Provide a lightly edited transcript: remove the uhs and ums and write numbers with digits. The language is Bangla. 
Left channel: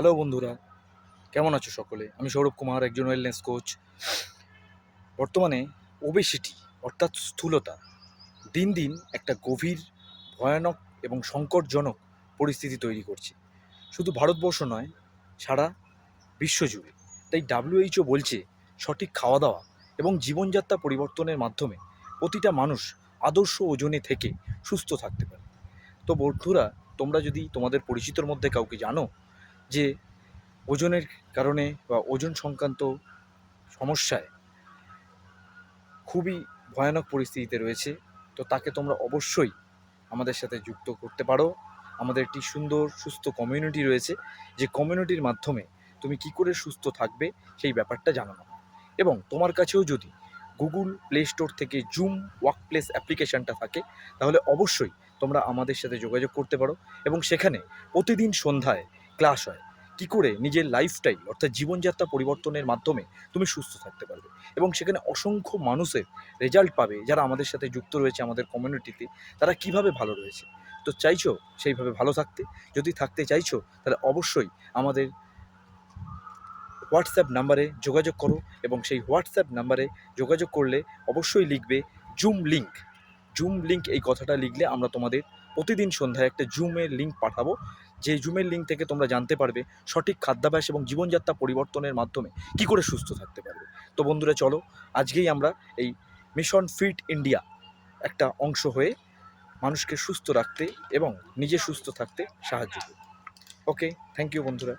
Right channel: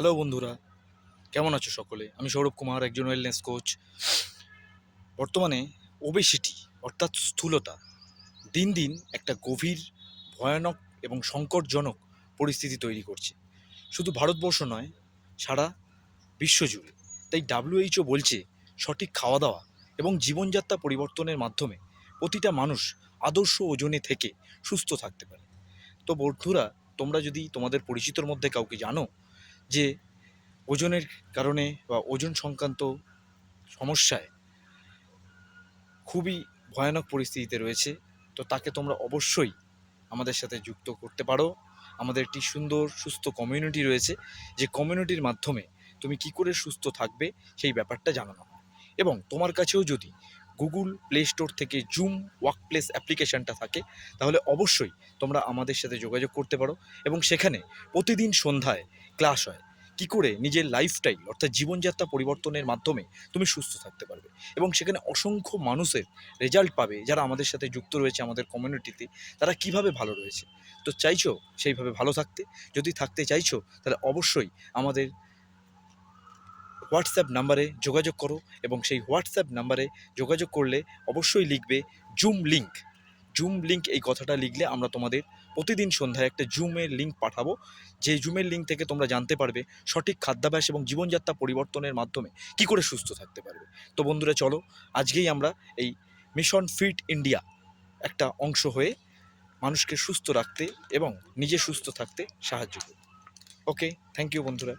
হ্যালো বন্ধুরা, কেমন আছো সকলে? আমি সৌরভ কুমার, একজন ওয়েলনেস কোচ। বর্তমানে ওবেসিটি অর্থাৎ স্থূলতা দিন দিন একটা গভীর, ভয়ানক এবং সংকটজনক পরিস্থিতি তৈরি করছে। শুধু ভারতবর্ষ নয়, সারা বিশ্বজুড়ে। তাই WHO বলছে সঠিক খাওয়া দাওয়া এবং জীবনযাত্রা পরিবর্তনের মাধ্যমে প্রতিটা মানুষ আদর্শ ওজনে থেকে সুস্থ থাকতে পারে। তো বন্ধুরা, তোমরা যদি তোমাদের পরিচিতর মধ্যে কাউকে জানো যে ওজনের কারণে বা ওজন সংক্রান্ত সমস্যায় খুবই ভয়ানক পরিস্থিতিতে রয়েছে, তো তাকে তোমরা অবশ্যই আমাদের সাথে যুক্ত করতে পারো। আমাদের একটি সুন্দর সুস্থ কমিউনিটি রয়েছে, যে কমিউনিটির মাধ্যমে তুমি কি করে সুস্থ থাকবে সেই ব্যাপারটা জানানো হয়। এবং তোমার কাছেও যদি গুগল প্লে স্টোর থেকে জুম ওয়ার্কপ্লেস অ্যাপ্লিকেশানটা থাকে, তাহলে অবশ্যই তোমরা আমাদের সাথে যোগাযোগ করতে পারো। এবং সেখানে প্রতিদিন সন্ধ্যায় ক্লাস হয় কী করে নিজের লাইফস্টাইল অর্থাৎ জীবনযাত্রা পরিবর্তনের মাধ্যমে তুমি সুস্থ থাকতে পারবে। এবং সেখানে অসংখ্য মানুষের রেজাল্ট পাবে যারা আমাদের সাথে যুক্ত রয়েছে আমাদের কমিউনিটিতে, তারা কিভাবে ভালো রয়েছে। তো চাইছো সেইভাবে ভালো থাকতে? যদি থাকতে চাইছো তাহলে অবশ্যই আমাদের হোয়াটসঅ্যাপ নাম্বারে যোগাযোগ করো। এবং সেই হোয়াটসঅ্যাপ নাম্বারে যোগাযোগ করলে অবশ্যই লিখবে জুম লিঙ্ক। জুম লিঙ্ক এই কথাটা লিখলে আমরা তোমাদের প্রতিদিন সন্ধ্যায় একটা জুমের লিঙ্ক পাঠাবো, যে জুমের লিঙ্ক থেকে তোমরা জানতে পারবে সঠিক খাদ্যাভ্যাস এবং জীবনযাত্রা পরিবর্তনের মাধ্যমে কী করে সুস্থ থাকতে পারবে। তো বন্ধুরা, চলো আজকেই আমরা এই মিশন ফিট ইন্ডিয়া একটা অংশ হয়ে মানুষকে সুস্থ রাখতে এবং নিজে সুস্থ থাকতে সাহায্য করি। ওকে, থ্যাংক ইউ বন্ধুরা।